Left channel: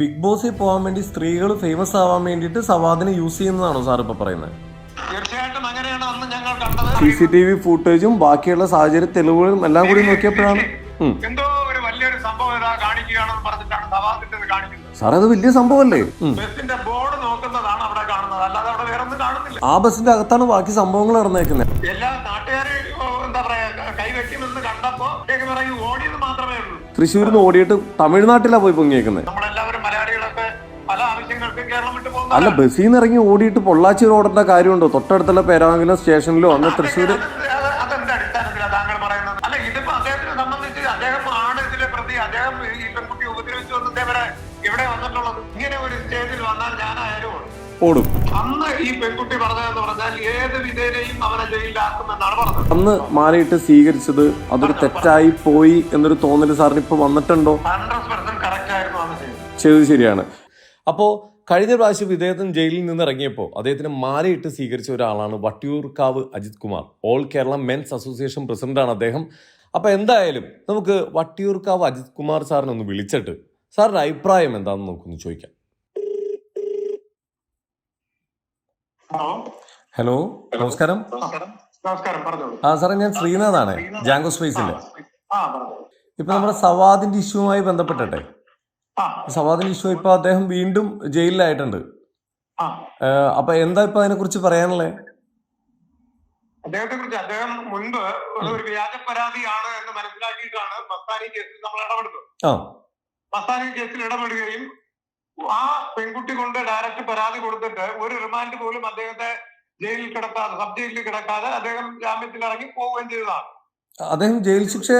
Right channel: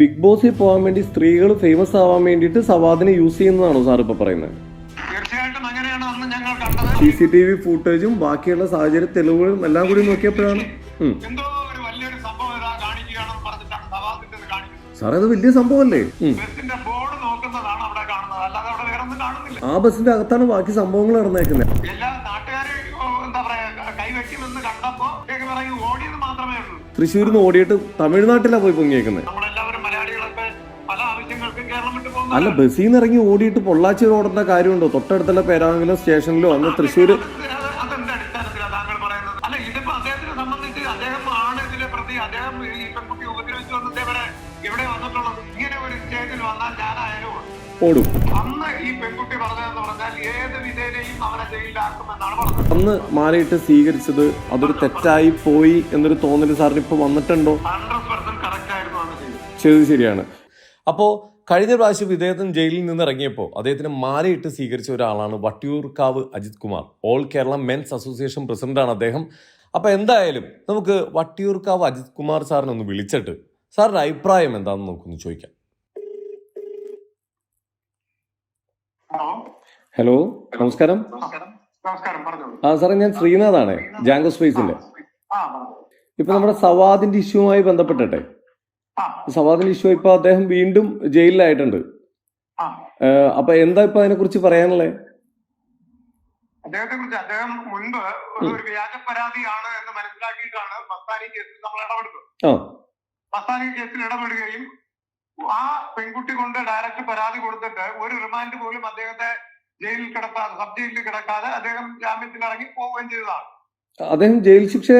Big ബോസിൽ പോകാൻ വേണ്ടി സ്ത്രീകൾ ഫേമസ് ആവാൻ വേണ്ടിയിട്ട് സവാദിനെ യൂസ് ചെയ്യുന്നതാണോ സാർ ഇപ്പോൾ പറയുന്നത്? തീർച്ചയായിട്ടും അങ്ങനെയാണ് അന്ന് ഞങ്ങൾ കണ്ടത് സി സി ടി വി ഫുട്ടേജും ബാക്കിയുള്ള സാഹചര്യ തെളിവുകളും എല്ലാം കൂടി നോക്കിയപ്പോഴാണ്. ഉം. എന്തോ ഒരു വലിയൊരു സംഭവം ഇതാ കാണിക്കുകയാണെന്ന് പറഞ്ഞിട്ടാണ് സഭാസിന്റെ ഇത് കാണിക്കുന്നത്. സാറേ അത് വലിയ സംഭവമല്ലേ? അല്ലേ ബസിന്റെ ബോർഡ് നോക്കുന്നതാണ് അവിടെ കാണുന്നത്. അല്ലാതെ അവിടെ വേറെ ഒന്നും കാണുന്നില്ല. ആ ബസ്സിന്റെ അകത്താണ് ബാക്കി സംഭവങ്ങൾ നടന്നേക്കുന്നത് തൃശ്ശൂരിൽ നിന്ന് ഓടിയിട്ട് തമിഴ്നാട്ടിലാണ് പോയി പൊങ്ങിയേക്കുന്നത് അല്ല ബസ്സിൽ നിന്ന് ഇറങ്ങി ഓടിയിട്ട് പൊള്ളാച്ചി റോഡിന്റെ കാര്യമുണ്ടോ? തൊട്ടടുത്തുള്ള പേരാമംഗലം സ്റ്റേഷനിലോ അന്ന് തൃശ്ശൂർ ഓടും. അന്ന് ഈ പെൺകുട്ടി പറഞ്ഞതെന്ന് ഏത് വിധേനയും അവരെ ജയിലിലാക്കുമെന്നാണ് പറഞ്ഞത് അന്ന് മാലയിട്ട് സ്വീകരിച്ചത് അതൊരു തെറ്റായി പോയി എന്നൊരു തോന്നൽ സാറിന് ഇപ്പോൾ വന്നിട്ടുണ്ടോ? ചെയ്ത് ചെയ്തത് ശരിയാണ്. അപ്പോൾ കഴിഞ്ഞ പ്രാവശ്യം ഇദ്ദേഹത്തിന് ജയിലിൽ നിന്ന് ഇറങ്ങിയപ്പോൾ അദ്ദേഹത്തിന് മാലയിട്ട് സ്വീകരിച്ച ഒരാളാണ് Vattiyoorkavu Ajith Kumar. All Kerala men's association പ്രസിഡന്റാണ് അദ്ദേഹം. അപ്പോൾ എന്തായാലും നമുക്ക് വട്ടിയൂർക്കാവ് അജിത് കുമാർ സാറിനെ ഒന്ന് വിളിച്ചിട്ട് സാറിന്റെ അഭിപ്രായം എന്താണെന്ന് നമുക്കൊന്ന് ചോദിക്കാം. ഹലോ. നമസ്കാരം. നമസ്കാരം. നമസ്കാരം പറഞ്ഞോളൂ. ആ സാറേ ഞാൻ ശ്രീനാഥാണ്. ജാങ്കോ സ്പേസിലെ. ഇപ്പൊ നമ്മുടെ സവാദിന്റെ ഇഷ്യൂവുമായി ബന്ധപ്പെട്ടിട്ടെ സവാദിന്റെ ഇഷ്യൂ ഇപ്പൊ അദ്ദേഹം വീണ്ടും ജയിലിലായിട്ടുണ്ട്. അപ്പൊ എന്താ ഇപ്പൊ അതിനെ കുറിച്ച് പറയാനുള്ളത് അദ്ദേഹത്തെ കുറിച്ച് അദ്ദേഹം മുൻപ് ഒരു വ്യാജ പരാതിയാണ് എന്ന് മനസ്സിലാക്കിയിട്ടാണ് മസ്താനി കേസിൽ നമ്മൾ ഇടപെടുന്നത്. മസ്താനി കേസിൽ ഇടപെടുകയും ആ പെൺകുട്ടി കൊണ്ട് ഡയറക്റ്റ് പരാതി കൊടുത്തിട്ട് ഒരു റിമാൻഡ് പോലും അദ്ദേഹത്തെ ജയിലിൽ കിടക്കാതെ സബ് ജയിലിൽ കിടക്കാതെ അദ്ദേഹം ജാമ്യത്തിൽ ഇറങ്ങി പോവുകയും ചെയ്തതാണ്. അദ്ദേഹം ജയിൽ ശിക്ഷ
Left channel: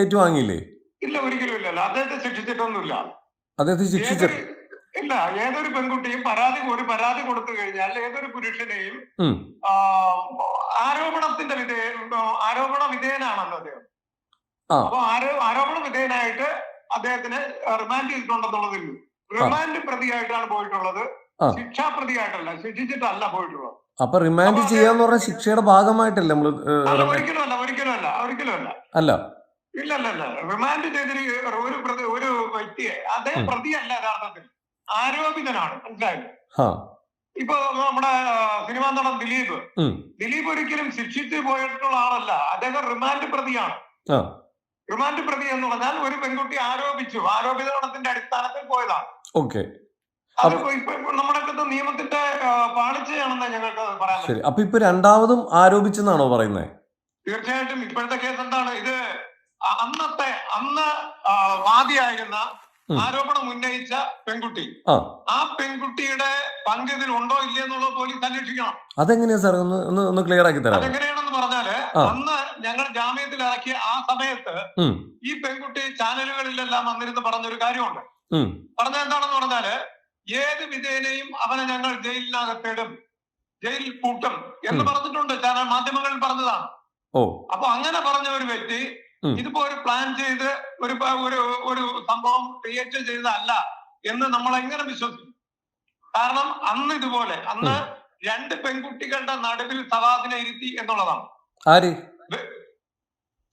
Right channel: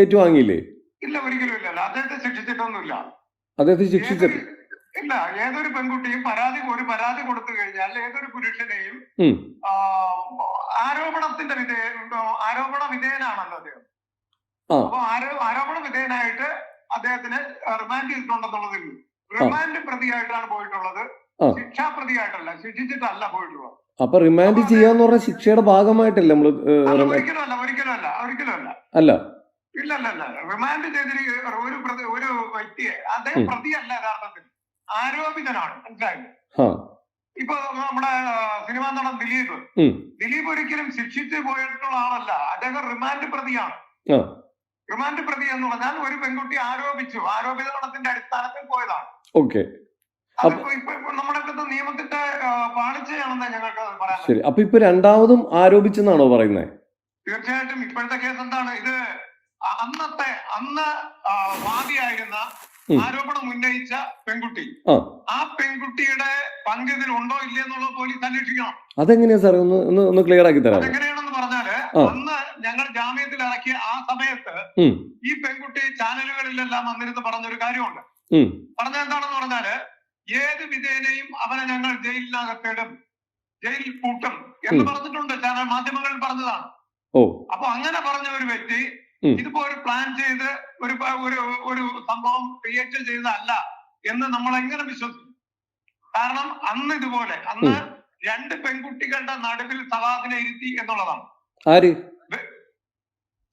ഏറ്റുവാങ്ങിയില്ലേ? ഇല്ല ഒരിക്കലും ഇല്ലല്ലോ അദ്ദേഹത്തെ ശിക്ഷിച്ചിട്ടൊന്നുമില്ല. അദ്ദേഹത്തെ ശിക്ഷിച്ചിട്ട് ഏതൊരു- ഇല്ല ഏതൊരു പെൺകുട്ടിയും പരാതി ഒരു പരാതി കൊടുത്തു കഴിഞ്ഞാൽ ഏതൊരു പുരുഷനെയും ആരോപണത്തിന്റെ വിധേയ ആരോപണ വിധേയനാണല്ലോ അദ്ദേഹം. അപ്പൊ ആരോ ആരോപണ വിധേയനായിട്ട് അദ്ദേഹത്തിന് റിമാൻഡ് ചെയ്തിട്ടുണ്ടെന്നുള്ളതേ ഉള്ളൂ. റിമാൻഡ് പ്രതിയായിട്ടാണ് പോയിട്ടുള്ളത്. ശിക്ഷാപ്രതിയായിട്ടല്ല ശിക്ഷാ പ്രതിയായിട്ടല്ല ശിക്ഷിച്ചിട്ടല്ല പോയിട്ടുള്ളത്. അപ്പൊ റിമാൻഡ് ചെയ്യാന്ന് പറഞ്ഞ ശിക്ഷയുടെ ഭാഗമായിട്ടല്ല റിമാൻഡ് ഒരിക്കലും അല്ല ഒരിക്കലും അല്ല ഇല്ല ഇല്ല ഇല്ല. റിമാൻഡ് ഒരു വ്യക്തിയെ അദ്ദേഹം. പ്രതിയല്ല യഥാർത്ഥത്തിൽ. ആരോപിതനാണ് മനസ്സിലായോ? ഇപ്പൊ നമ്മുടെ സിനിമാ നടൻ ദിലീപ്. ദിലീപ് ഒരിക്കലും ശിക്ഷിച്ച് പോയിട്ടുള്ള ആളല്ല. അദ്ദേഹം റിമാൻഡ് പ്രതിയാണ്. റിമാൻഡ് പ്രതി എന്ന് പറഞ്ഞാൽ ഒരു പെൺകുട്ടി ആരോപിച്ചു. ആരോപിതത്തിന്റെ അടിസ്ഥാനത്തിൽ പോയതാണ്. ഓക്കെ. നിയമത്തിന്റെ പാളിച്ചയാണെന്ന് ഞങ്ങൾക്ക് പറയാം ശരി. അപ്പൊ ഇപ്പൊ രണ്ടാമതും ആരോപിച്ചെന്നാണോ പറയുന്നത് തീർച്ചയായിട്ടും ഇപ്പോഴത്തെ കേസ് എന്താണ്? ഇത് അന്നത്തെ അന്ന് വാദിയായിരുന്ന. ആരോപണം ഉന്നയിച്ച പെൺകുട്ടി. ആ. പെൺകുട്ടിയുടെ പങ്ക് ഇതിലുണ്ടോ ഇല്ലേ എന്നുള്ളത് പോലീസ് അന്വേഷിക്കണം. അതെങ്ങനെയാ സാർ ഒന്ന് ഒന്ന് ക്ലിയർ ആക്കി തരാം എങ്ങനെയാണെന്ന് പറഞ്ഞാൽ ഒന്ന് അന്ന് ഞങ്ങൾ ജാമ്യത്തിൽ ഇറക്കിയ ആ സമയത്ത് ഈ പെൺകുട്ടി ചാനലുകളിലെല്ലാം വന്നിരുന്ന് പറഞ്ഞൊരു കാര്യമുണ്ട്. പറഞ്ഞ എന്താണെന്ന് പറഞ്ഞാൽ ഏത് വിധേനയും അവനെ ഞങ്ങൾ ജയിലിനകത്തിടും. ജയിലിൽ പൂട്ടും എന്ന്. പറഞ്ഞിട്ടുണ്ട് ചാനൽ മാധ്യമങ്ങളിൽ പറഞ്ഞതാണ്. ഓ. അപ്പൊ അങ്ങനെ പറഞ്ഞ ഒരു വ്യക്തി. ഇതിപ്പോ ഒരു പ്ലാൻ ചെയ്ത് ഒരു ഒരു ഒരു സംഭവം ക്രിയേറ്റ് ചെയ്തതല്ല എന്ന് നമ്മൾ എങ്ങനെ വിശ്വസിക്കും? കാരണം അന്ന് ഇതുപോലെ അന്ന് രണ്ട് പെൺകുട്ടികളുടെ നടുവിൽ സവാദിനെ ഇരുത്തി എന്നുള്ളതാണ്. ആര്?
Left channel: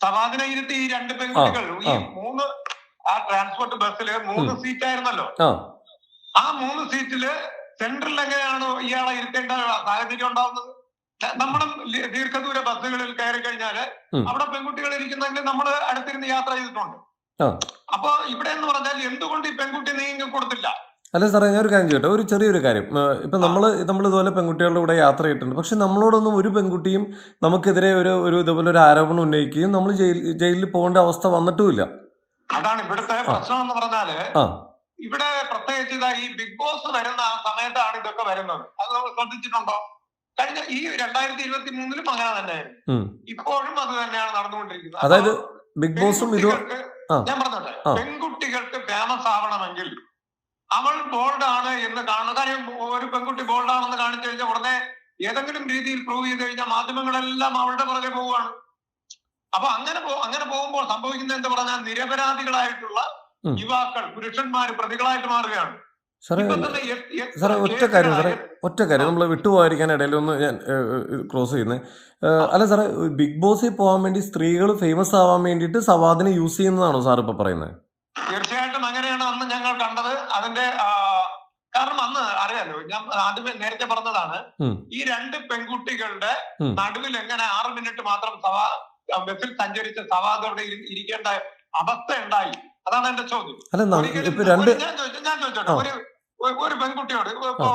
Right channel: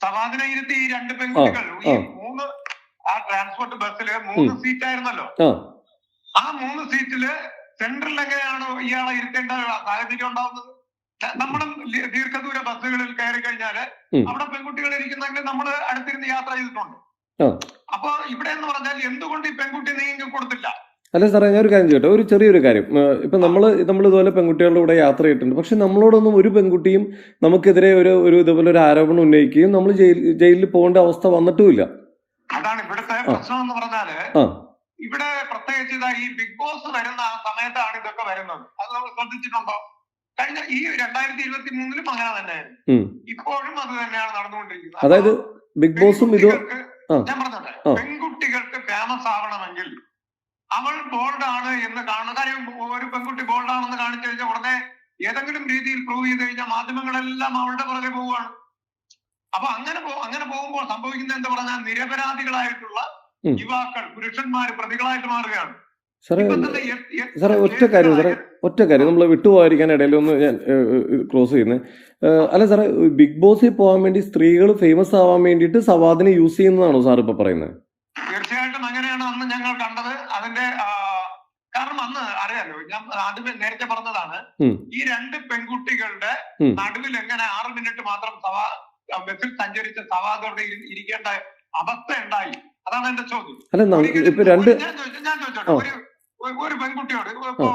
സവാദിനെ ഇരുത്തി ഈ രണ്ട് പെൺകുട്ടികൾ ഈ മൂന്ന് ആ ട്രാൻസ്പോർട്ട് ബസ്സിൽ മൂന്ന് സീറ്റ് ആയിരുന്നല്ലോ. ആ. മൂന്ന് സീറ്റിൽ സെന്ററിൽ എങ്ങനെയാണ് ഇയാളെ ഇരുത്തേണ്ട സാഹചര്യം ഉണ്ടാവുന്നത്? നമ്മുടെ ദീർഘദൂര ബസ്സുകളിൽ കയറി കഴിഞ്ഞാൽ നമ്മുടെ അവിടെ പെൺകുട്ടികൾ ഇരിക്കുന്നെങ്കിൽ നമ്മൾ അടുത്തിരുന്ന് യാത്ര ചെയ്തിട്ടുണ്ട്. അപ്പൊ ഇവിടെ എന്ന് പറഞ്ഞാൽ എന്തുകൊണ്ട് ഈ പെൺകുട്ടി നീങ്ങി കൊടുത്തില്ല? അല്ല സാറേ ഞാൻ ഒരു കാര്യം ചോട്ടെ ഒരു ചെറിയൊരു കാര്യം. ഇപ്പം നമ്മൾ നമ്മൾ ഇതുപോലെ പെൺകുട്ടികളുടെ കൂടെ യാത്ര ചെയ്തിട്ടുണ്ട്. പക്ഷെ നമ്മളോടൊന്നും ഒരു പെൺകുട്ടിയും നമുക്കെതിരെ ഒരു ഒരു ഇതുപോലെ ഒരു ആരോപണം ഉന്നയിക്കുകയും നമ്മൾ ജയിൽ ജയിലിൽ പോകേണ്ട അവസ്ഥ വന്നിട്ടുമില്ല. അതാണ് ഇവിടുത്തെ പ്രശ്നം എന്ന് പറഞ്ഞാൽ ഇവിടെ പ്രത്യേകിച്ച് ഈ ബിഗ് ബോസ് വരുന്ന സമയത്താണ് ഇതൊക്കെ വരുന്നത്. അത് നമ്മൾ ശ്രദ്ധിച്ചിട്ടുണ്ടോ കഴിഞ്ഞ ഈ രണ്ടായിരത്തി ഇരുപത്തി മൂന്നിലും അങ്ങനെ ഉം. ഇപ്പോഴും അത് തന്നെയാണ് നടന്നുകൊണ്ടിരിക്കുന്നത് അതായത് ബിഗ് ബോസും ഇത്. ഞാൻ പറഞ്ഞത്. പെൺകുട്ടികൾക്ക് ഫേമസ് ആവണമെങ്കിൽ അവൾ ബോൾഡ് ആണ് എന്ന് കാണുന്ന കാര്യം ഒരു പെൺകുട്ടി ബോൾഡ് ആണെന്ന് കാണിച്ചു കഴിഞ്ഞാൽ ഉടനെ ഏതെങ്കിലും രീതിയിൽ പ്രൂവ് ചെയ്ത് കഴിഞ്ഞാൽ മാധ്യമങ്ങളെല്ലാം അവളുടെ പുറകെ പോവുകയാണ് അപ്പൊ അങ്ങനെ അങ്ങനെ പോകുമ്പോൾ സംഭവിക്കുന്നത് എന്താ പറഞ്ഞാൽ നിരപരാധികളായിട്ടുള്ള. യുവാക്കൾ പുരുഷന്മാര് പ്രതികളായിട്ട് മാറുകയാണ് സാറേ ഒറ്റ കാര്യം സാറേ ഒറ്റ കാര്യം. നമ്മൾ വിട്ടുപോകാതിരിക്കാൻ ഇടയിൽ ഒന്ന് ഞാൻ ക്ലോസ് ചെയ്യുന്നത് അല്ല സാറേ ബിഗ് ബോസിൽ പോകാൻ വേണ്ടി സ്ത്രീകൾ ഫേമസ് ആവാൻ വേണ്ടിയിട്ട് സവാദിനെ യൂസ് ചെയ്യുന്നതാണോ സാർ ഇപ്പൊ പറയുന്നത് തീർച്ചയായിട്ടും അങ്ങനെയാണ് അന്ന് ഞങ്ങൾ കണ്ടത്. അതിന്റെ കാരണം അന്ന് അറിയാലോ ഞാൻ ആദ്യമേ നേരത്തെ പറഞ്ഞതാണ്. ഈ രണ്ട് പെൺകുട്ടികളുടെ. നടുവിൽ എങ്ങനെ ആറ് മിനിറ്റ് മാത്രം സവാ ബസ്സിൽ സഞ്ചരിച്ച സവാദോടെ ഇരിക്കേണ്ട അവസ്ഥ ഉണ്ടായി. അതാണ് എന്റെ ചോദ്യം. അല്ല ഇപ്പൊ രണ്ട് ഞാൻ ചോദിച്ചോട്ടെ. ഒരു പെൺകുട്ടിയോട് ഇപ്പോ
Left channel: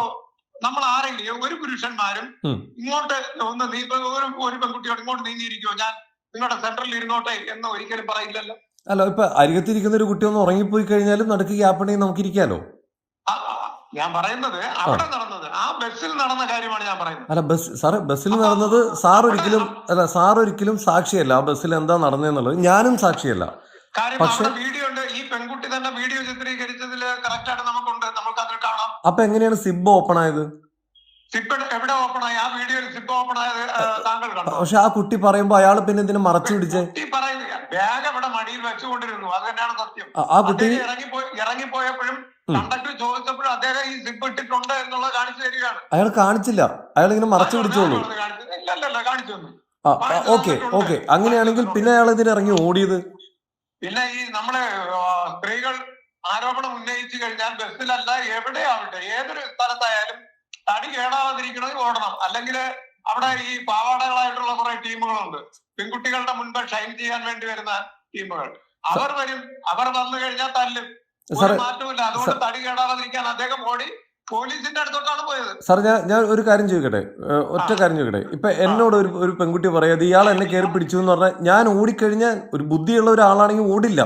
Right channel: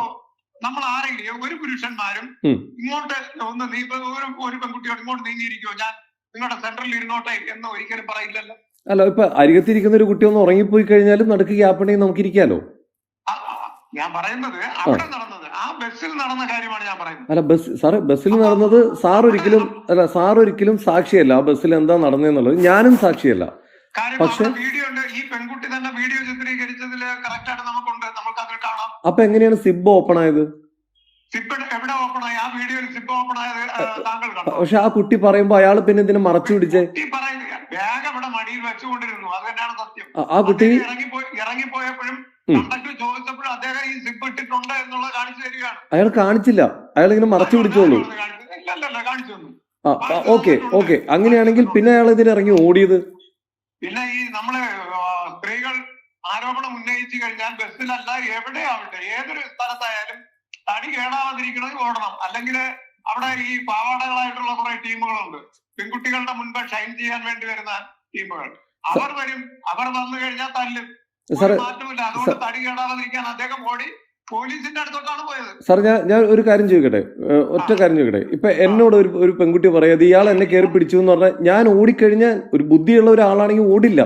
നമ്മൾ ആരെങ്കിലും ഒരു പുരുഷന്മാരും ഇങ്ങോട്ട് ഒന്ന് നീ ഒരു ഒരു പെൺകുട്ടിയോട് ഇങ്ങോട്ട് നീങ്ങിയിരിക്കുമോ ഞാൻ നിങ്ങളുടെ സെന്ററിൽ ഇരുന്നോട്ടെ എന്ന് ഒരിക്കലും പറയില്ലല്ലോ. അല്ല ഇപ്പൊ അരികത്തിരിക്കുന്ന ഒരു കുട്ടി ഒന്ന് ഉറങ്ങിപ്പോയി കഴിഞ്ഞാലും നടുക്ക് ഗ്യാപ്പുണ്ടെങ്കിൽ നമുക്ക് ഇരിക്കാലോ ഞാൻ പറയുന്നത് അവിടെ നടന്നത് ആ ബസ്സിൽ നടന്ന കാര്യമാണ് ഞാൻ പറയുന്നത്. അല്ല ബസ് സാറ് ബസ്സിൽ നടന്നത് സാർ ഒരിക്കലും അല്ല സാർ ഒരിക്കലും സാക്ഷിയല്ല. ആ ബസ്സിൽ എന്താ നടന്നതെന്നുള്ളത് ഞാനും സാക്ഷിയല്ല. പക്ഷെ- വീഡിയോ ഉണ്ട്. ഈ പെൺകുട്ടി അപ്പൊ എങ്ങനെയാണ് സിബ് ഓപ്പൺ ആയത് പക്ഷെ ആ കുട്ടി പറയുമ്പോ അയാൾ പിന്നെ ഇതിനെ മറച്ചു പിടിച്ചേ? ആ- കുട്ടി അയാൾ കാണിച്ചില്ല. അയാൾ ഇങ്ങനെ മറച്ചു പിടിച്ചോളൂ ഓക്കെ ഓക്കെ. അങ്ങനെയാണെങ്കിൽ പിന്നെ അയാൾ ഇതിന് ഇറങ്ങി ഓടിയത് പിന്നെ ഈ നമ്മൾ ആ, സ്ത്രീകൾ ആരോപണം ഉന്നയിച്ചു കഴിഞ്ഞാൽ ബസ്സിലല്ല എവിടെയാവട്ടെ ഏതൊരു സ്ഥലത്തായാലും തടി കേടാവാതിരിക്കണമെങ്കിൽ ഓടണം അല്ലെങ്കിൽ അവിടെ ഈ പാവാടകളായിട്ടുള്ള കുറെ ടീമുകളുണ്ട്. പെൺകുട്ടികളുടെ മുൻപ് ഷൈൻ ചെയ്യാൻ വേണ്ടി വരുന്ന ടീമുകൾ. അവർ വരും. അവർ വന്നു കഴിഞ്ഞാൽ തല്ലും. മാറ്റമില്ല അതുകൊണ്ട് തടി കേടാവാതിരിക്കാൻ അദ്ദേഹം ഓടി സാർ ഞാൻ ഞാൻ ഒരു കാര്യം ചോദിക്കട്ടെ? ഒറ്റ കാര്യം ചോദിക്കട്ടെ? ഇപ്പൊ എന്നോട് ഒരു ഒരു പെൺകുട്ടി പറയാതെ ഇയാൾ എന്നെ കയറി പിടിച്ചു എന്ന് പറഞ്ഞാൽ ഞാൻ ഓടിക്കഴിഞ്ഞാൽ ഒരു ബുദ്ധിയുള്ള ഒരാളാണെങ്കിൽ ഓടില്ല.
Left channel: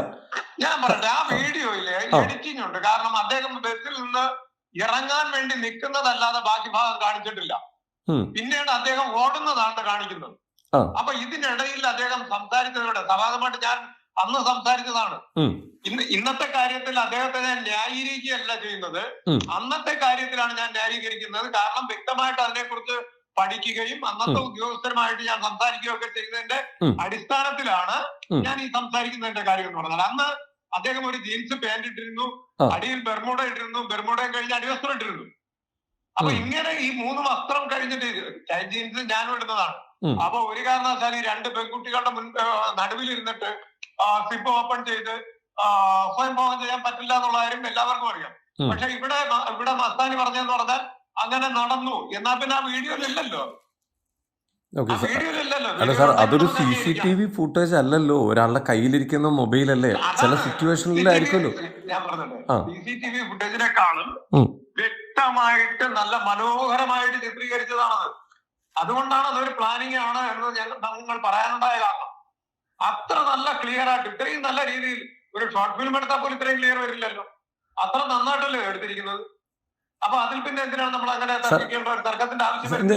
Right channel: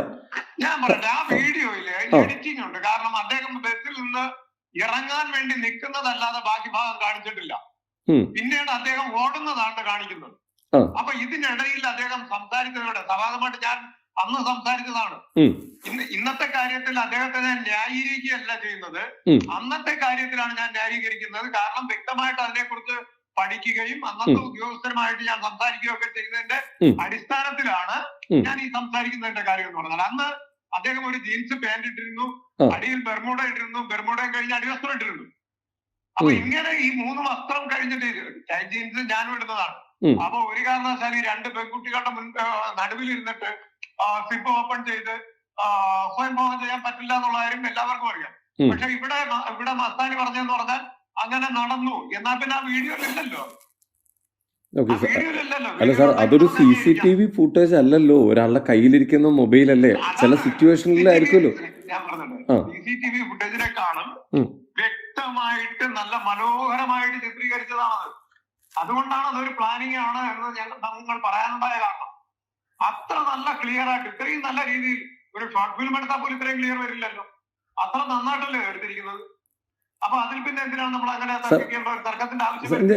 ആ വീഡിയോയിൽ ആ. എഡിറ്റിംഗ് ഉണ്ട് കാരണം അദ്ദേഹം ബസ്സിൽ നിന്ന് ഇറങ്ങാൻ വേണ്ടി നിൽക്കുന്നതല്ലാതെ ബാക്കി ഭാഗം കാണിച്ചിട്ടില്ല. പിന്നീട് അദ്ദേഹം ഓടുന്നതാണ് കാണിക്കുന്നത്. അപ്പൊ ഇതിനിടയിൽ അദ്ദേഹം സംസാരിക്കുന്നുണ്ട് സഭാഗമായിട്ട് ഞാൻ അന്ന് സംസാരിച്ചതാണ്. ഇന്ന് ഇന്നത്തെ കാര്യത്തിൽ അദ്ദേഹത്തെ ഞാൻ ന്യായീകരിക്കുകയല്ല ചെയ്യുന്നത്. അന്നത്തെ കാര്യത്തിലാണ് ഞാൻ ന്യായീകരിക്കുന്നത് കാരണം വ്യക്തമായിട്ട് അതിനെക്കുറിച്ച് പഠിക്കുകയും അന്നത്തെ. ഉദ്യോഗസ്ഥരുമായിട്ട് ഞാൻ സംസാരിക്കുകയൊക്കെ ചെയ്തതിന്റെ. അടിസ്ഥാനത്തിലാണ് ഞാൻ ഈ സംസാരിക്കുന്നതിന്റെ കാര്യം എന്ന് പറഞ്ഞത് അന്ന് അദ്ദേഹം ഒരു ജീൻസ് പാന്റ് ഇട്ടിരുന്നു അടിയിൽ ബെർമോഡ ഇട്ടിരുന്നു ബെർമോഡയും കഴിഞ്ഞ് അടിവസ്ത്രം ഇട്ടിരുന്നു. അപ്പൊ ഇങ്ങനെ ഈ മൂന്ന് വസ്ത്രം കഴിഞ്ഞിട്ട് ജീൻസ് ഞാനും ഇടുന്നതാണ്. അപ്പൊ ഒരു കാരണവശാലും ഈ രണ്ട് പെൺകുട്ടികളുടെ മുൻ നടുവിൽ ഇരുന്നിട്ട് സിപ്പ് ഓപ്പൺ ചെയ്ത് സ്വയം ഭോഗം ചെയ്യാൻ പറ്റില്ല എന്നുള്ള കാര്യം എല്ലാവർക്കും അറിയാം. പക്ഷെ ഇവിടെ ഇവിടെ മസ്താനി പറഞ്ഞെന്ന് പറഞ്ഞാൽ അങ്ങനെ നടന്നു. എന്നാൽ പിന്നെ ആ വീഡിയോയിലില്ലല്ലോ ഓക്കെ സാർ അല്ല സാർ അതൊരു C C T V footage അല്ലല്ലോ. ഒരാളുടെ കയ്യിലിരിക്കുന്ന മൊബൈൽ അല്ലേ ചില സിറ്റുവേഷനിലായിരിക്കുമല്ലോ ആ. ഫുട്ടേജിനെക്കാളും വ്യക്തമായിട്ട് നല്ല മനോഹരമായിട്ട് ചിത്രീകരിച്ചതാണത്. അതുകൊണ്ടാണ് അതൊരു പ്ലാനിങ് ആണ് എന്ന് ഞങ്ങൾ നിങ്ങൾ പറയാനുണ്ടായ കാരണം. അത്ര നല്ല ക്ലിയർ ആയിട്ട് ഇത്രയും നല്ല രീതിയിൽ ഒരു ഷോർട്ട് ഫിലിം എടുത്താൽ പോലും ഇത്രയും ക്ലിയർ വരില്ലല്ലോ. അത്ര നന്നായിട്ടല്ലേ എടുത്തിരിക്കുന്നത്.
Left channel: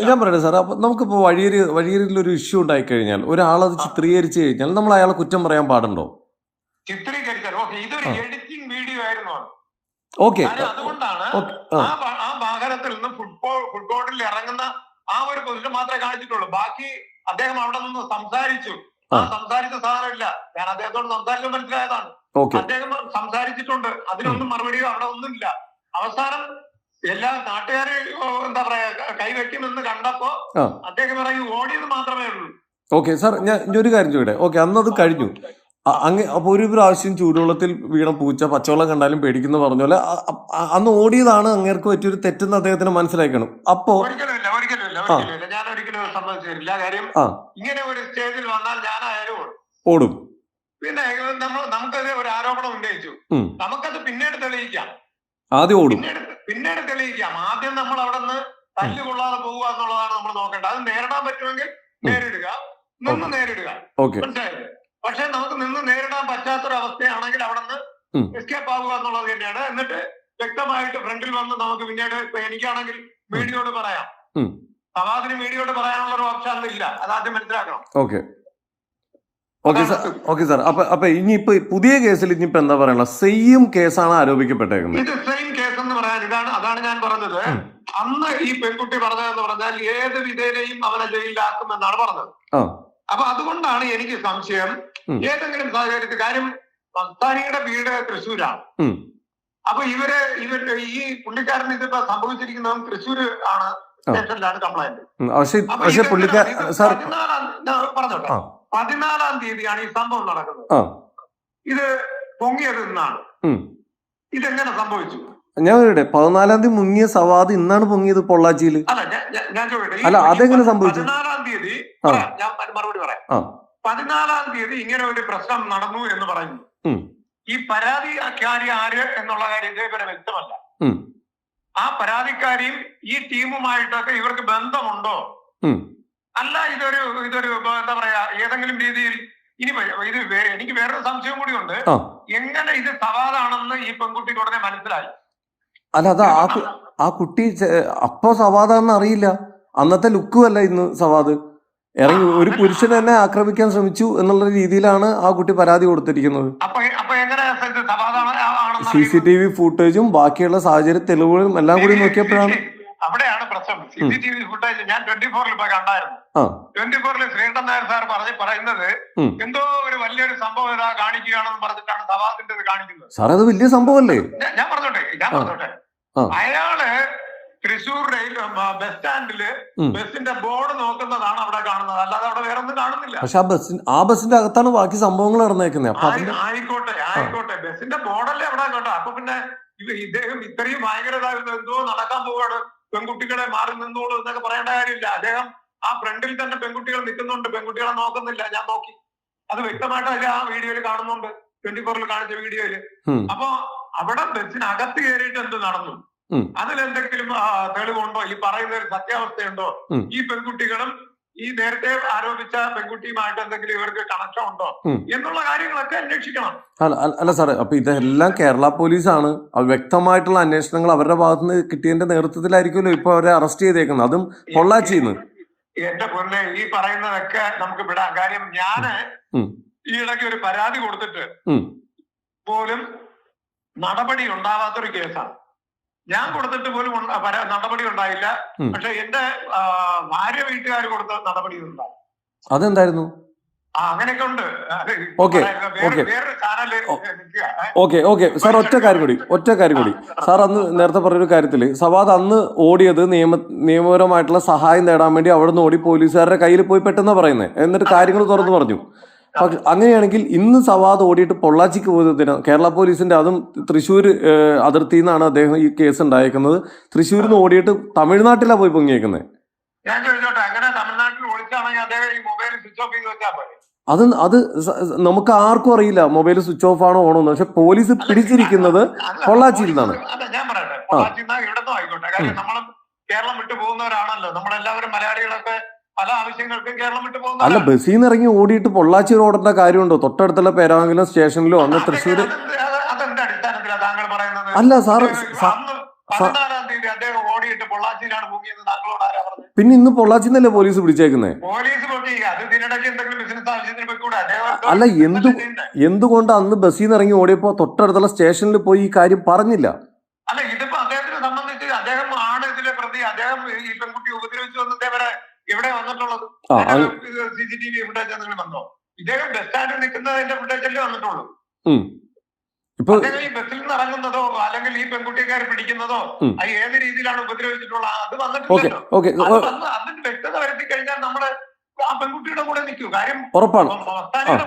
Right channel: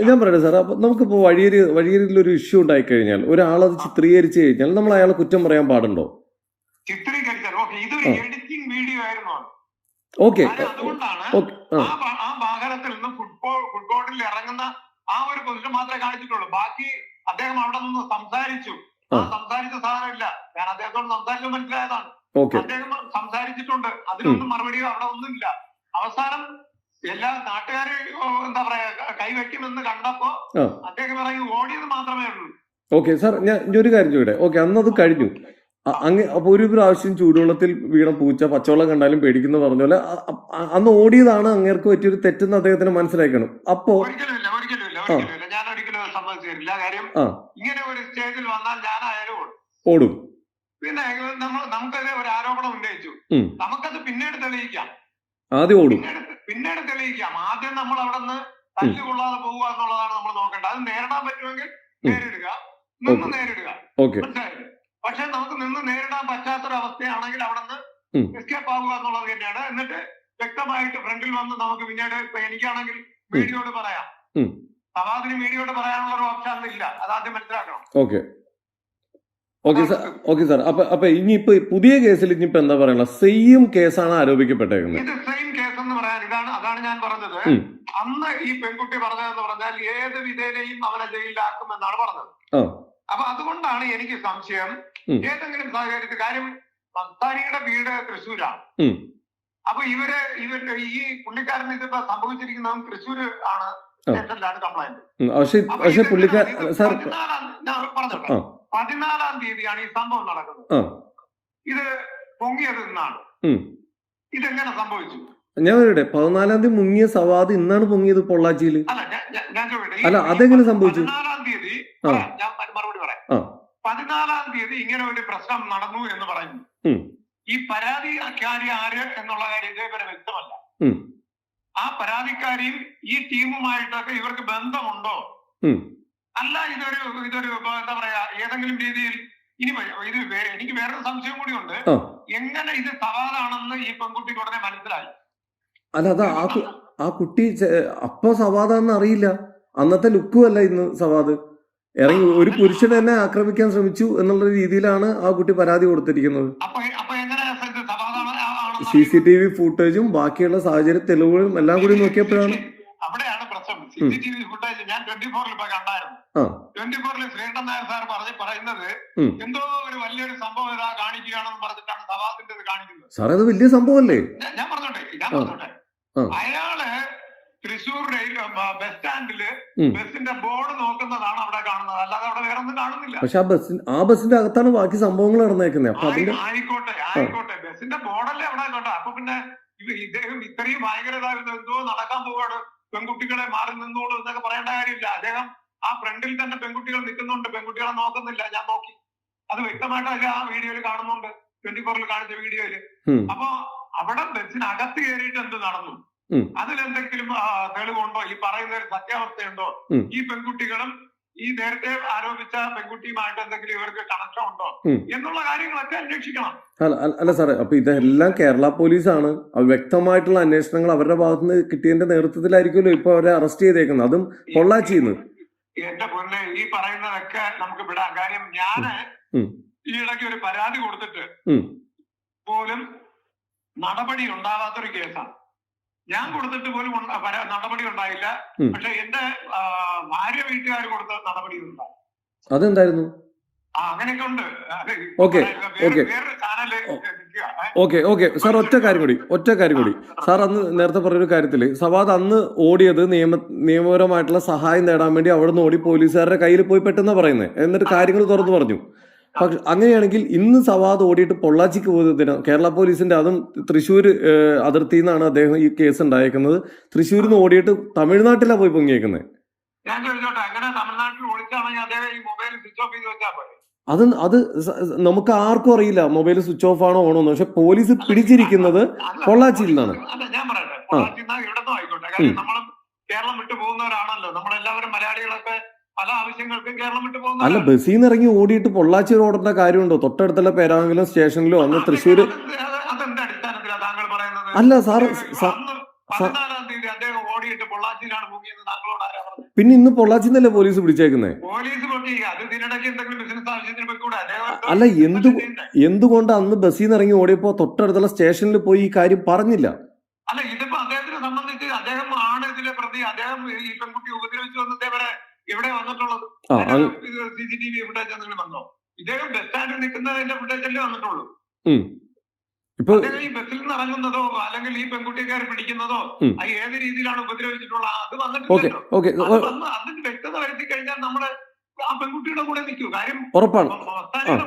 ഞാൻ- പറയട്ടെ സാർ അപ്പൊ നമുക്കിപ്പോ വഴിയേരി വഴിയേരിയിൽ ഒരു ഇഷ്യൂ ഉണ്ടായി കഴിഞ്ഞാൽ ഒരാളത് ചിത്രീകരിച്ചു കഴിഞ്ഞാൽ നമ്മൾ അയാളെ കുറ്റം പറയാൻ പാടുണ്ടോ? ഓക്കെ വാഹനത്തിൽ നിന്ന് ഫുട്ബോൾ ഫുട്ബോളിൽ ഇറങ്ങുന്ന ആ ഒരു പൊസിഷൻ മാത്രമേ കാണിച്ചിട്ടുള്ളൂ. ബാക്കി അദ്ദേഹം അവിടെ നിന്ന് സംസാരിച്ചു. സംസാരിച്ച സാധനമില്ല ഞാൻ അദ്ദേഹത്തോട് സംസാരിച്ചു മനസ്സിലായതാണ്. ഓക്കെ. അദ്ദേഹം സംസാരിച്ചിട്ടുണ്ട്. അതിനൊന്നും മറുപടിയോ അവിടെ ഒന്നുമില്ല. അവസാനം എല്ലാ നാട്ടുകാര് എന്താ പറയാ കൈവെക്കുമെന്ന് കണ്ടപ്പോ. അദ്ദേഹം പറയും ഓടിയത് മാത്രമേ ഉള്ളൂ. ഓക്കെ സാർ ഞാൻ ഒരു കാര്യം ചോദിക്കട്ടെ? ഓക്കെ അന്നത് കഴിഞ്ഞു. അങ്ങ് അപ്പൊ ഒരു പ്രാവശ്യം ചൂടുവെള്ളത്തിൽ വീണ പൂച്ച പച്ചവെള്ളം കണ്ടാലും പേടിക്കുന്നു പറഞ്ഞ പോലെ അന്ന് ഓടിയതാണ് അങ്ങേർക്ക് പറ്റിയൊരു തെറ്റെന്ന് അദ്ദേഹത്തിന് മനസ്സിലാക്കണം അപ്പോ ആ. ആ. ഇങ്ങനെ ഒരു സ്റ്റേജിൽ വന്നാൽ ഞാനായാലും ഓടും. പിന്നെ നമുക്കത് ഒരു ആരോപണം ഉന്നയിച്ചു. നമുക്കത് പിന്നീട് തെളിയിക്കാം. ആദ്യം ഓടും. പിന്നീട് പിന്നീട് തെളിയിക്കാം ആദ്യം നമ്മൾ അവിടെ നിന്ന് തല്ലുകൊള്ളാതെ പോവുക എന്നുള്ളതാണ് നമ്മൾ നോക്കേണ്ടത്. അത് നേരിടാൻ പറ്റുമെങ്കിൽ. നേരിടുക. നിന്ന്. നേരിടുക. ഓക്കെ. മനസ്സിലായത് പക്ഷെ നമുക്ക് നിന്ന് നേരിടാൻ പറ്റാത്തൊരവസ്ഥയാണെങ്കിൽ അവിടെ നിന്ന്. എസ്കേപ്പ് ആവുക എന്നുള്ളത് തന്നെയാണ്. എന്നിട്ട് വ്യക്തമായിട്ട് ഫ്രണ്ടിൽ വന്ന് നമുക്ക് പിന്നീട് ഇപ്പൊ എനിക്കാണെങ്കിൽ മീഡിയയോട് പറയാം. സവാദിന് മീഡിയയോട് പറയാനുള്ള ഒരു ഓപ്ഷൻ ഇല്ല. അത് ആദ്യം മനസ്സിലാക്കണം. Okay. Okay sir okay sir. അപ്പൊ അപ്പൊ ഇനിയിപ്പോ പുതിയ കേസിൽ ഇനിയിപ്പോ എന്താ പറയാനുള്ള സെയിം കേസാണ് ആരോപിക്കപ്പെട്ടേക്കുന്നത്. ഇത് സെയിം കേസ് എന്ന് പറയാൻ ഇതാണ് അതാണ് ഞാൻ പറഞ്ഞത്. ഈ പെൺകുട്ടി പറഞ്ഞതെന്ന് പറഞ്ഞാൽ ഏത് വിധേനയും അവനെ ജയിലിലാക്കുമെന്നാണ് പറഞ്ഞത്. അപ്പൊ അതുകൊണ്ടാണ് എനിക്ക് സംശയം. ഏതെങ്കിലും സാഹചര്യത്തിൽ കാര്യം മസ്താനിയുടെ വീട് തൃശ്ശൂരാണ്. അപ്പൊ ഇവർ ഇവർ ഈ പുള്ളിക്കാരൻ ഇതിപ്പോ സംഭവിച്ചിരിക്കുന്നതും തൃശ്ശൂര് ആണ്. സ്റ്റേഷനിലാണ് കംപ്ലൈന്റ് പക്ഷെ സാർ പതിനാലാം- പറഞ്ഞോട്ടെ തീയതിയാണ് ഈ സംഭവം നടക്കുന്നത് ഇത് പൊങ്ങിയത് നിന്നാണ്. ഇതെങ്ങനെ സംഭവിച്ചു ഞാൻ ഇവിടെ പതിനാലാം തീയതി മുങ്ങിയ സവാദ് ഇന്നാണ് പൊങ്ങിയത് പൊള്ളാച്ചിയിൽ അല്ല അതെങ്ങനെ സംഭവിച്ചു? ആ. ആ. പതിനാലാം തീയതി ഇങ്ങനെ ഒരു പ്രശ്നം നടന്നു എന്ന് പറയുന്നു. ഈ പരാതിക്കാരി ആര് എന്നുള്ള കാര്യം ഇതേപോലെ വ്യക്തമല്ല. ആ പരാതിക്കാരിയും ഈ ടീമുമായിട്ടൊക്കെ ഇവർക്ക് ബന്ധമുണ്ടോ. അല്ല ഇതൊരു ഇതൊരു എന്താ പറയാ ഏതെങ്കിലും രീതിയിൽ ഇനി ഇത് എനിക്ക് വേറൊരു സംശയം കൂടിയുണ്ട്. ഉണ്ട് എങ്ങനെ ഇത് സവാദാണെന്ന് ഈ പെൺകുട്ടിക്ക് ഉടനെ മനസ്സിലായി? അല്ല അത് ആ ആ കുട്ടി അപ്പൊ സവാദാന്ന് അറിയില്ല. അന്നത്തെ ലുക്കും അല്ല ഇന്ന് സവാദ്. ഇറങ്ങി ഒരു പുരുഷൻ തന്നെ ആക്രമിക്കാൻ ശ്രമിച്ചു എന്നുള്ള രീതിയിലാണ് ആ കുട്ടി പരാതി കൊടുത്തിരിക്കുന്നത്. സി സി ടി വി ഫുട്ടേജും ബാക്കിയുള്ള സാഹചര്യ തെളിവുകളും എല്ലാം കൂടി നോക്കിയപ്പോഴാണ്. അവിടെയാണ് പ്രശ്നം. സി ഉം. സി ടി വി ഫുട്ടേജ് ഞാൻ ട്വന്റി ഫോറിൽ ഇപ്പൊ കണ്ടായിരുന്നു. ട്വന്റി ഫോറിൽ ശ്രീകണ്ഠൻ നായർ സാർ പറഞ്ഞ് പറയുന്നത് എന്തോ ഒരു വലിയൊരു സംഭവം ഇതാ കാണിക്കുകയാണെന്ന് പറഞ്ഞിട്ടാണ് സവാദിന്റെ കാണിക്കുന്നത്. സാറേ അത് വലിയ സംഭവമല്ലേ? ഞാൻ- പറഞ്ഞോട്ടെ ഞാൻ. പറഞ്ഞോട്ടെ. അയാൾ തൃശൂർ റെയിൽ ബസ് സ്റ്റാൻഡിൽ. ബസിന്റെ ബോർഡ് നോക്കുന്നതാണ് അവിടെ കാണുന്നത്. അല്ലാതെ അവിടെ വേറെ ഒന്നും കാണുന്നില്ല. പക്ഷെ ആ ബസ്സിന് ആ ബസ്സിന്റെ അകത്താണ് ബാക്കി സംഭവങ്ങൾ നടന്നേക്കുന്നത് അപ്പൊ അതിന്റെ ആയിക്കോട്ടെ ആയിക്കോട്ടെ. ബസിന്റെ ബോർഡല്ലേ അവിടെ കേട്ടോ അപ്പൊ പിന്നെ ഇദ്ദേഹം ഇത്രയും ഭയങ്കരത എന്തോ നടക്കാൻ പോവാണ്. പെൺകുട്ടികളെ മാറി നിന്നോളൂ എന്നൊക്കെ പറയേണ്ട കാര്യമില്ല. അദ്ദേഹം ആ ഫ്രണ്ടിൽ തന്നെ പെൺകുട്ടികൾ നിൽക്കുന്നുണ്ട്. പെൺകുട്ടികളെ നോക്കുന്നില്ല. ഞാൻ നോക്കി. അത് വ്യക്തമായിട്ട് അതിൽ ആ വീഡിയോയിൽ കാണുന്നുണ്ട്. ട്വന്റി ഫോറിൽ കാണിച്ച വീഡിയോയിൽ. അപ്പൊ അവിടെ ബസ്സിനകത്ത് കയറിയിട്ട് എന്ത് നടന്നു. അതിലെന്തെങ്കിലും തെളിവുണ്ടോ? ഈ പറയുന്ന ഒരു സത്യാവസ്ഥയുണ്ടോ? ഈ പെൺകുട്ടികളും ഈ നേരത്തെ ആരോപിച്ച പെൺകുട്ടിയുമായിട്ട് എന്തെങ്കിലും ഇവർക്ക് കണക്ഷൻ ഉണ്ടോ. എന്നുള്ള കാര്യങ്ങളൊക്കെ അന്വേഷിക്കണം. അല്ല അല്ല- സാറേ അപ്പൊ ഇതെല്ലാം കേരള പോലീസാണ്. വ്യക്തമായിട്ടുള്ള അന്വേഷണങ്ങൾ അവരുടെ ഭാഗത്തുനിന്ന് കിട്ടിയതിന്റെ നേതൃത്വത്തിലായിരിക്കുമല്ലോ ഇപ്പൊ അവരെ അറസ്റ്റ് ചെയ്തേക്കുന്നത്. അതും പൊള്ളാച്ചിന്ന് എന്റെ പൊന്നെ ഈ പറയുന്നതൊക്കെ നമുക്ക് വിടാം. കാര്യം ഞാൻ ഉം. ഈ ഇടയ്ക്ക് ഒരു പരാതി കൊടുത്തിട്ട് നടപടി ഉണ്ടാവാത്തൊരു കേസാണ്. ഞാൻ കൊടുത്തിട്ട് പോലും നടപടി ഉണ്ടായില്ല. പക്ഷെ എന്റെ ഭാര്യ വീട്ടുകാർ കൊടുത്ത നടപടി അതെന്തായിരുന്നു? അങ്ങനെയൊക്കെ ഉണ്ട് okay, okay. Okay okay. Sir ഒറ്റ കാര്യം കൂടി ഒറ്റ കാര്യം കൂടി. സാർ അന്ന് നേരത്തെ പറഞ്ഞൊരു കാര്യത്തിൽ സവാദ് അന്ന് ഓടിയത് നിയമ നിയമപരമായിട്ടുള്ള സഹായം നേടാൻ വേണ്ടി അവിടെ നിന്ന് ഓടി പോലീസുകാരുടെ കയ്യിൽ പോയി പെട്ടെന്ന് പറയുന്നത് എന്നിട്ട് കാര്യങ്ങൾ തുറന്നു പറഞ്ഞു. പക്ഷെ അങ്ങനെയാണെങ്കിൽ ഇന്ന് സവാദ് ഓടിയിട്ട് പൊള്ളാച്ചിക്ക് പോയതിന് കേരള പോലീസിന്റെ അതും തൃശ്ശൂർ അതിർത്തിയിൽ നിന്നാണ് അദ്ദേഹം ഈ കേസ് ഉണ്ടായേക്കുന്നത്. തൃശ്ശൂരിൽ നിന്ന് ഓടിയിട്ട് തമിഴ്നാട്ടിലാണ് പോയി പൊങ്ങിയേക്കുന്നത് അത് അത് നമുക്ക് ആർക്കും അറിയില്ല മൊബൈൽ സ്വിച്ച് ഓഫ് ആണോ ഓണോ എന്ന് പക്ഷെ പോലീസ് പിടിച്ചിരിക്കുന്നത് പൊള്ളാച്ചിയിൽ നിന്നാണ്. അല്ല ഞാൻ പറയട്ടെ പൊള്ളാച്ചിയിൽ നിന്ന് ഇവിടുന്ന് ആയിക്കോട്ടെ കാര്യം നമ്മൾ കേരളം വിട്ടു പോകുന്നവരാണല്ലോ നമ്മളെല്ലാവരും മലയാളികളൊക്കെ പല ആവശ്യങ്ങൾക്കും കേരളം വിട്ടു അല്ല. ബസ്സിൽ നിന്ന് ഇറങ്ങി ഓടിയിട്ട് പൊള്ളാച്ചി ഓടേണ്ട കാര്യമുണ്ടോ? തൊട്ടടുത്തുള്ള പേരാമംഗലം സ്റ്റേഷനിലോ അന്ന് തൃശ്ശൂര് അല്ല, സാറ് പിന്നെ ഇന്ന് പൊള്ളാച്ചിന്നല്ലേ പോലീസ് പിടിച്ചേക്കുന്നത് പോലീസ് അദ്ദേഹം അല്ല എന്തു എന്തുകൊണ്ട് അന്ന് ബസ്സിൽ നിന്ന് ഇറങ്ങി ഓടിയപ്പോ തൊട്ടടുത്തുള്ള സ്റ്റേഷനിൽ പോയി ഈ കാര്യം പറഞ്ഞില്ല? ആ C C T V footage എന്തെങ്കിലും വന്നോ? ഇദ്ദേഹം ബസ് സ്റ്റാൻഡിൽ നിൽക്കുന്നതിന്റെ ഫുട്ടേജല്ലേ വന്നിട്ടുള്ളൂ. ഇപ്പൊ ഈ ബസ്സിൽ നിന്ന് ഇറങ്ങുന്നതോ അല്ലെങ്കിൽ ഈ പെൺകുട്ടിക്കാരെ പിടിക്കുന്നതോ. അത് ഏത് രീതിയിലാണ് ഉപദ്രവിച്ചിട്ടുള്ളത് അത് വന്നിട്ടില്ലല്ലോ. അതിന് വ്യക്തത വരുത്തി കഴിഞ്ഞാൽ നമ്മൾ ആ പെൺകുട്ടിയുടെ കൂടെ നിൽക്കൂ. കാര്യം ഉറപ്പാണ്.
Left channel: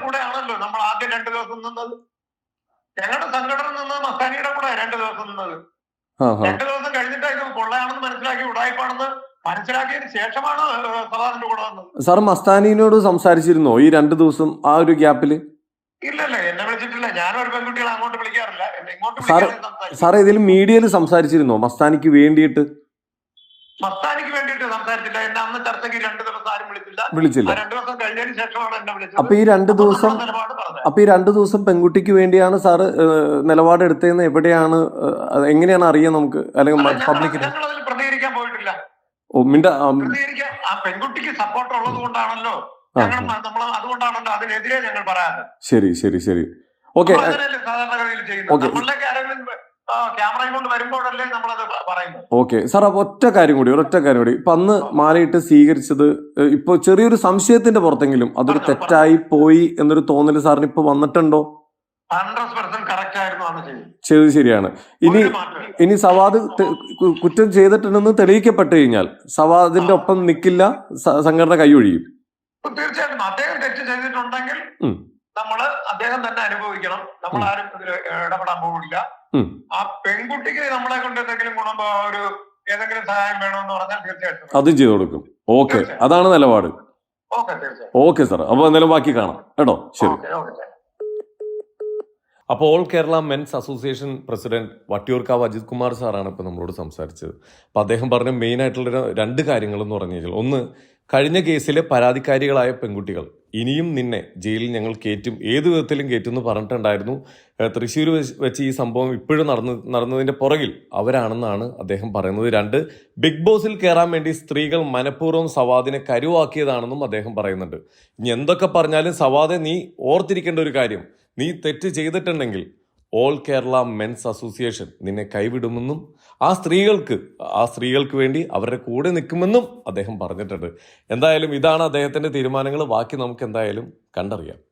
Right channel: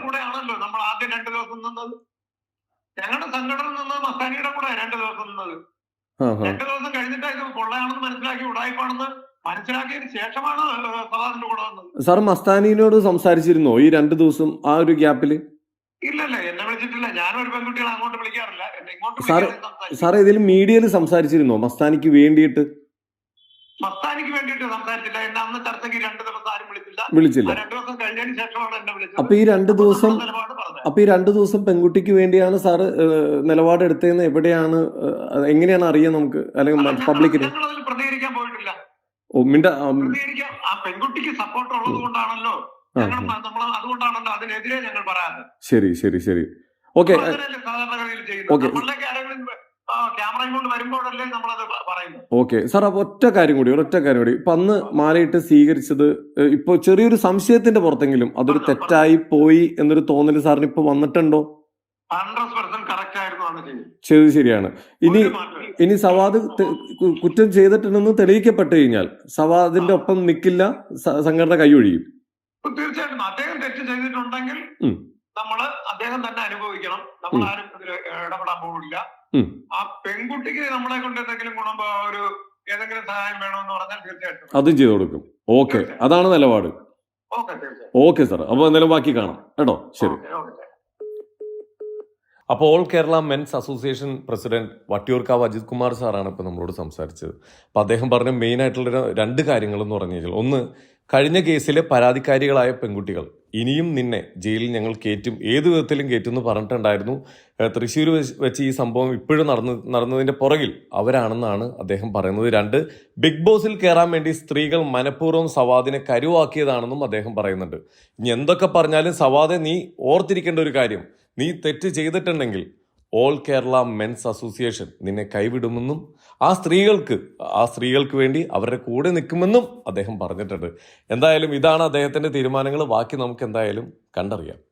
കൂടെ ആണല്ലോ നമ്മൾ ആദ്യം രണ്ടു ദിവസം നിന്നത്. ഞങ്ങളുടെ സംഘടന നിന്നത് മസ്താനിയുടെ കൂടെ രണ്ടു ദിവസം നിന്നത്. രണ്ടു ദിവസം കഴിഞ്ഞിട്ട് ഇത് കൊള്ളയാണെന്ന് മനസ്സിലാക്കി ഉടായ്പാണെന്ന് മനസ്സിലാക്കിയതിന് ശേഷമാണ് സവാറിന്റെ കൂടെ വന്നത്. സാർ മസ്താനിനോട് സംസാരിച്ചിരുന്നോ ഈ രണ്ട് ദിവസം ആ ഒരു ഗ്യാപ്പിൽ? ഇല്ല ഇല്ല എന്നെ വിളിച്ചിട്ടില്ല. ഞാനൊരു പെൺകുട്ടികളെ അങ്ങോട്ട് വിളിക്കാറില്ല. ഇങ്ങോട്ട് സാറ് വിളിക്കാതെ സാർ ഏതെങ്കിലും മീഡിയയിൽ സംസാരിച്ചിരുന്നോ? മസ്താനിക്ക് വേണ്ടിയിട്ട്? മസ്താനിക്ക് വേണ്ടിയിട്ട് സംസാരിച്ചില്ല. എന്നെ അന്ന് ചർച്ചയ്ക്ക് രണ്ട് ദിവസം ആരും വിളിച്ചില്ല. വിളിച്ചില്ല. രണ്ട് ദിവസം കഴിഞ്ഞതിന് ശേഷമാണ് എന്നെ വിളിച്ചത്. അപ്പൊ ഈ രണ്ട് ദിവസം അപ്പൊ ഈ രണ്ട് ദിവസം പെൺകുട്ടിക്ക് വേണ്ടിയാണ് സാറ് നിലപാടെടുത്തതെന്ന് എവിടെയാണ് എങ്ങനെയാണ് അറിയാൻ നമുക്ക്? അല്ലെങ്കിൽ പബ്ലിക്കിന് മിണ്ട ആ, പെൺകുട്ടിക്ക് സപ്പോർട്ട് ഉള്ളത് കൊണ്ടാണല്ലോ നമ്മൾ അതുകൊണ്ടാണല്ലോ അതിനെതിരെ ഞങ്ങൾ പറയാറ്. ശരി ശരി ശരി. ഓക്കെ. ഓക്കെ. ഓക്കെ. സാർ അപ്പൊ ഒറ്റ കാര്യം കൂടി ഒരൊറ്റ കാര്യം കൂടി. ഇപ്പൊ അന്ന് മാലയിട്ട് സ്വീകരിച്ചത് ഇപ്പൊ ചെറിയൊരു സംശയത്തിന്റെ പുറത്തെങ്കിലും അതൊരു തെറ്റായി പോയി എന്നൊരു തോന്നൽ സാറിന് ഇപ്പൊ വന്നിട്ടുണ്ടോ ചെയ്തത്. ശരിയാണ്. ഇനി. ഇനി സവാദ് കുറ്റം ചെയ്തിട്ടുണ്ടെന്ന് തെളിയിക്കപ്പെട്ട് കഴിഞ്ഞാൽ സവാദിന്റെ ഒപ്പം നിൽക്കില്ല സംഘടന കൈയൊഴിയും. തീർച്ചയായിട്ടും അദ്ദേഹം തെറ്റ് ചെയ്തിട്ടുണ്ടെങ്കിൽ നമ്മൾ അദ്ദേഹം തന്നെ അനുഭവിക്കണം. നമ്മൾ. ആരും ഇടപെടാൻ പോകില്ല ആ പെൺകുട്ടിക്ക് നമ്മളെ കൊണ്ട് എന്തെങ്കിലും ഗുണം ഒരു ഏതെങ്കിലും സഹായം വേണമെന്ന് പറഞ്ഞാൽ തീർച്ചയായിട്ടും. അതും ചെയ്തു കൊടുക്കും. ഓക്കെ. അതാണ് നിലപാട്. ഓക്കെ സാർ അപ്പോൾ എന്തായാലും ബാക്കി കാണാം. കേട്ടോ? ശരി. അപ്പോൾ all Kerala men's association president Vattiyoorkavu Ajith Kumar സാറാണ് ഇപ്പോൾ നമ്മളോട് സംസാരിച്ചത്. അപ്പോൾ അദ്ദേഹം പറഞ്ഞ മെയിൻ ആയിട്ടുള്ള രണ്ട് കാര്യങ്ങൾ എന്ന് പറഞ്ഞു കഴിഞ്ഞാൽ ഒന്ന് കഴിഞ്ഞ കേസിലെ പരാതിക്കാരികളായ പെൺകുട്ടികൾ ഇനിയും നിന്നെ ജയിലിൽ ഞങ്ങൾ കയറ്റും ഏത് വിധത്തിലും കയറ്റും എന്ന് പറഞ്ഞിട്ടുണ്ടായിരുന്നു തൃശ്ശൂർ വെച്ച് ഈ സംഭവം ഇപ്പോഴും നടന്ന് നടന്നതിന്റെ പുറകിൽ അവരാണെന്നാണ് അദ്ദേഹം പറയുന്നത്. രണ്ട് ബിഗ് ബോസിൽ കയറാൻ വേണ്ടി സ്ത്രീകൾ മനഃപൂർവം സവാദിനെ കരുവാക്കിയതാണെന്നും അദ്ദേഹം പറയുന്നുണ്ട്. ഇനി എന്തൊക്കെ പറഞ്ഞാലും സവാദെ നീ ഓർത്തിരിക്കേണ്ട ഒരു കാര്യം. നീ തെറ്റ് ചെയ്തിട്ടുണ്ടെങ്കിൽ ഓൾ കേരള മെൻസ് അസോസിയേഷൻ നിന്നെ കൈവിടുമെന്നും ആ സ്ത്രീകൾക്ക് ആ സ്ത്രീകൾക്ക് വേണ്ടി അവരുടെ കൂടെ നിൽക്കുമെന്നും അദ്ദേഹം പറഞ്ഞിട്ടുണ്ട്. എന്തായാലും ഇതാണ് അദ്ദേഹത്തിന്റെ തീരുമാനങ്ങൾ. ബാക്കി നമുക്ക് എന്തായാലും കണ്ടറിയാം.